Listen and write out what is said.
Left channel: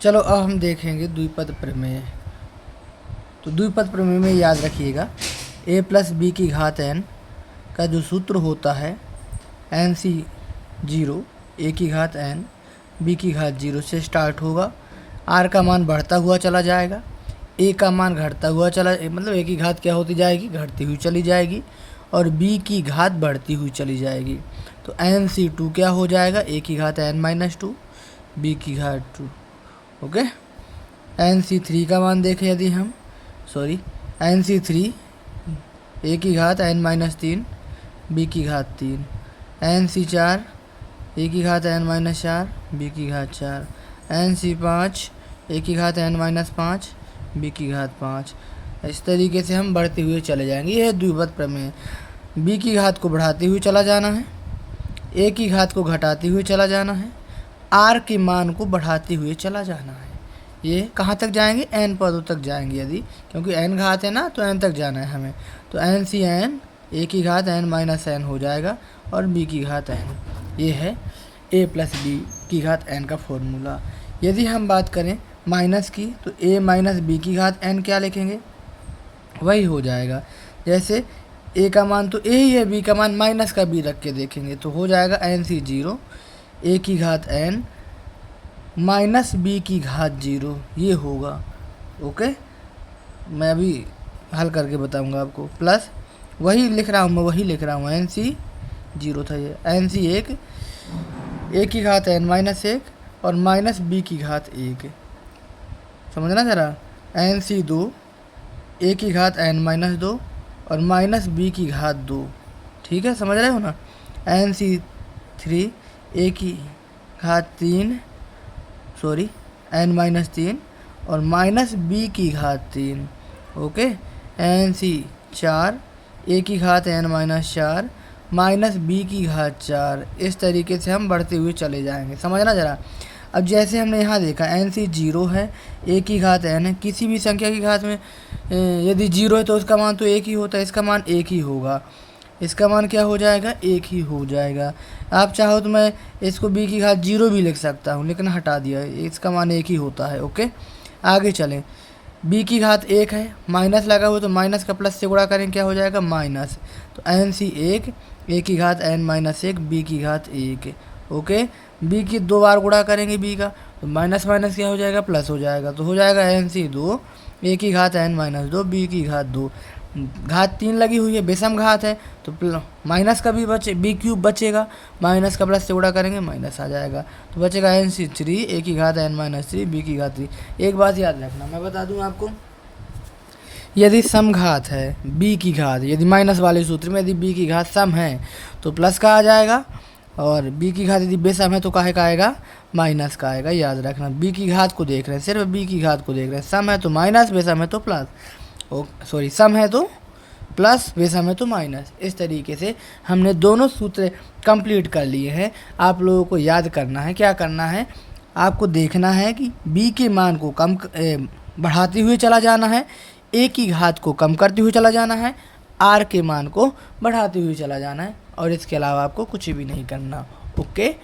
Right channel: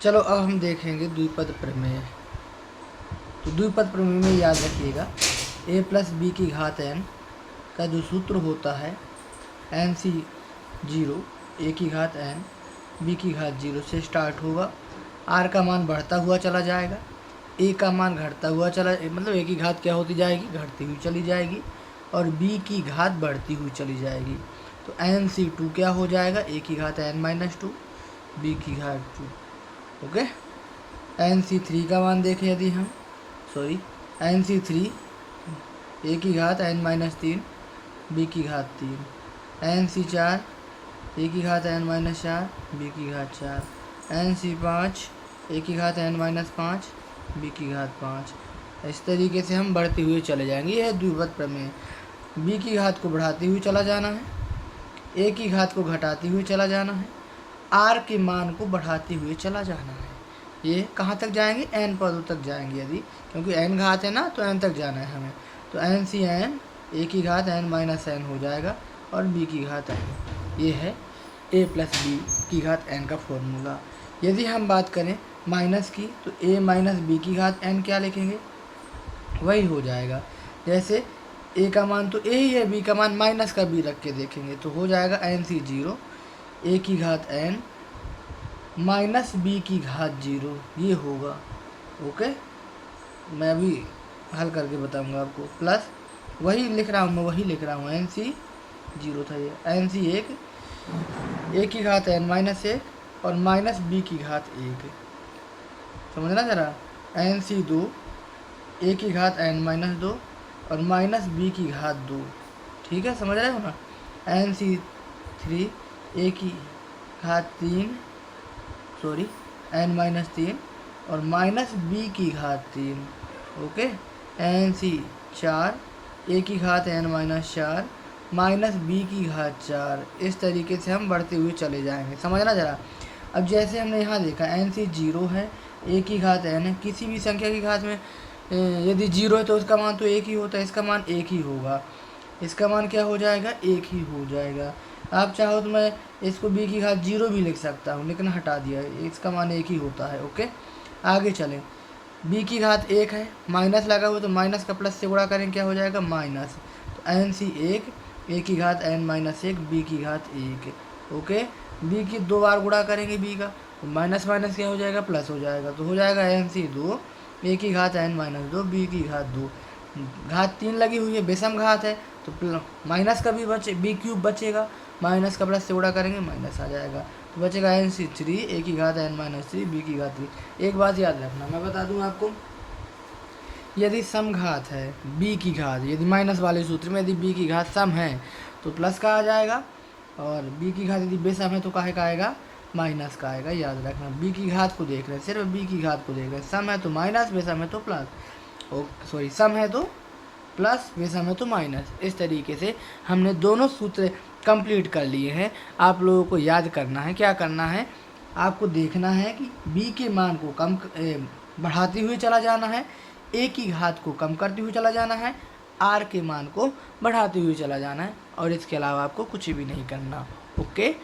चलो अब हम देखेंगे द्विपद प्रमेय। तो द्विपद प्रमेय में याद रखिएगा a प्लस बी की घात n का जो सूत्र होता है एन सी 0, ए की घात n बी की घात 0 से स्टार्ट होगा। आर का मान बढ़ता हुआ चला जाएगा, ए का मान घटता हुआ चला, मतलब ए की घात क्या होती जाएगी, घटती हुई चली जाएगी, और बी की घात बढ़ती हुई चली जाएगी। तो एन सी 2 क्या हो जाएगा, ए की घात n-2, बी की घात 2। ओके, एन सी 3 का मान देखें यदि हम, एन सी 3 ए की घात n-3, बी की घात 3, एन सी 4 ए की घात n-4, बी की घात 4, एन सी 5 ए की घात n-5, बी की घात 5। इस तरीके से हम बढ़ते हुए चले जाएंगे। यह है द्विपद प्रमेय। बी की घात को बढ़ाते हुए चला जाना है, ए की घात को घटाते हुए चला जाना है, आर के मान को बढ़ाते हुए चला जाना है। ये कहाँ तक जाएंगे, एन पदों तक जाएंगे यदि, क्योंकि एन घात है ना, तो एन तक जाना है हमें। तो एन सी एन, ए की घात n-n हो जाएगा, और बी की घात n। ये है a प्लस बी की घात n का फॉर्मूला। यदि हम बात करें माइनस की, तो a माइनस बी की घात n क्या लिखेंगे, वही हो जाएगा। जैसे a का मान तो a ही है, b का मान माइनस का b रख के देखेंगे तो हो जाएगा एन सी 0, ए की घात n माइनस बी की घात 0, ये होगा। ओके, मैं अभी हल करके बताऊंगा आपको। प्लस वही लिख रहा हूँ मैं, वही लिख रहा हूँ, एन सी 0 था ये, एन सी 1 ए की घात n-1 और माइनस बी की घात 1, समझना ज़रा। एन सी 2 ए की घात n-2 और माइनस बी की घात 2, ठीक है, समझ रहे हो ना। एन सी 3 ए की घात 3, n-3 और माइनस बी की घात 3। ओके, एन सी 4 ए की घात n-4 माइनस बी की घात 4। इस तरीके से हम बढ़ते हुए चले जाएंगे, समझना ज़रा। अब जैसे हमने यहाँ देखा एन सी 0 है, ए की घात n है, किसी भी संख्या की घात में यदि 0 है तो उसका मान तो एक ही होता है, इसका मान एक ही होगा, इसका मान क्या हो जाएगा, एक ही हो जाएगा। आप चाहो तो मैं इसको b की घात 0 भी लिख सकता हूँ, लेकिन हटा दिया, इसका मान एक ही होता है। ओके, आगे चलें। b की घात 1 है, माइनस लगा हुआ तो माइनस का प्लस से गुणा करें, क्या हो जाएगा, माइनस। तो एन सी 1 ए की घात n-1 बी की घात 1। ओके, b की 2 बार गुणा करेंगे b का, तो माइनस माइनस क्या हो जाएगा, प्लस हो जाएगा। तो हो जाएगा एन सी 2 ए की घात n-2 बी की घात 2। घात 3 लगी हुई है, विषम घात है, तो माइनस का भी बचे, बी क्यूब बचेगा, माइनस का प्लस से गुणा करेंगे माइनस आ जाएगा। तो बचेगा एन सी 3 ए की घात n-3 बी की घात 3। एक बात याद रखना, मैं बता दूं आपको, यदि सम घात है b की घात, यदि माइनस वाले सूत्र में यदि b की घात सम है तो प्लस का आ जाएगा, और b की घात यदि बेसम है तो काहे का आएगा, माइनस का आएगा। याद रखना, b की घात को देख रहे हैं, सिर्फ b की घात को देख रहे हैं। सम है तो माइनस, बेसम है तो प्लस, सम है तो प्लस, बेसम है तो माइनस। इस तरीके से हमने दोनों सूत्र कंप्लीट कर लिए हैं। आप लोगों को याद करना है, क्या करना है, आपको देखना है कि b के मान को बढ़ाते हुए चला जाना है, ए की घात को कम करते हुए चला जाना है, आर के मान को बढ़ाते हुए चला जाना है, और इसके अलावा आपको कुछ भी नहीं करना। ओके।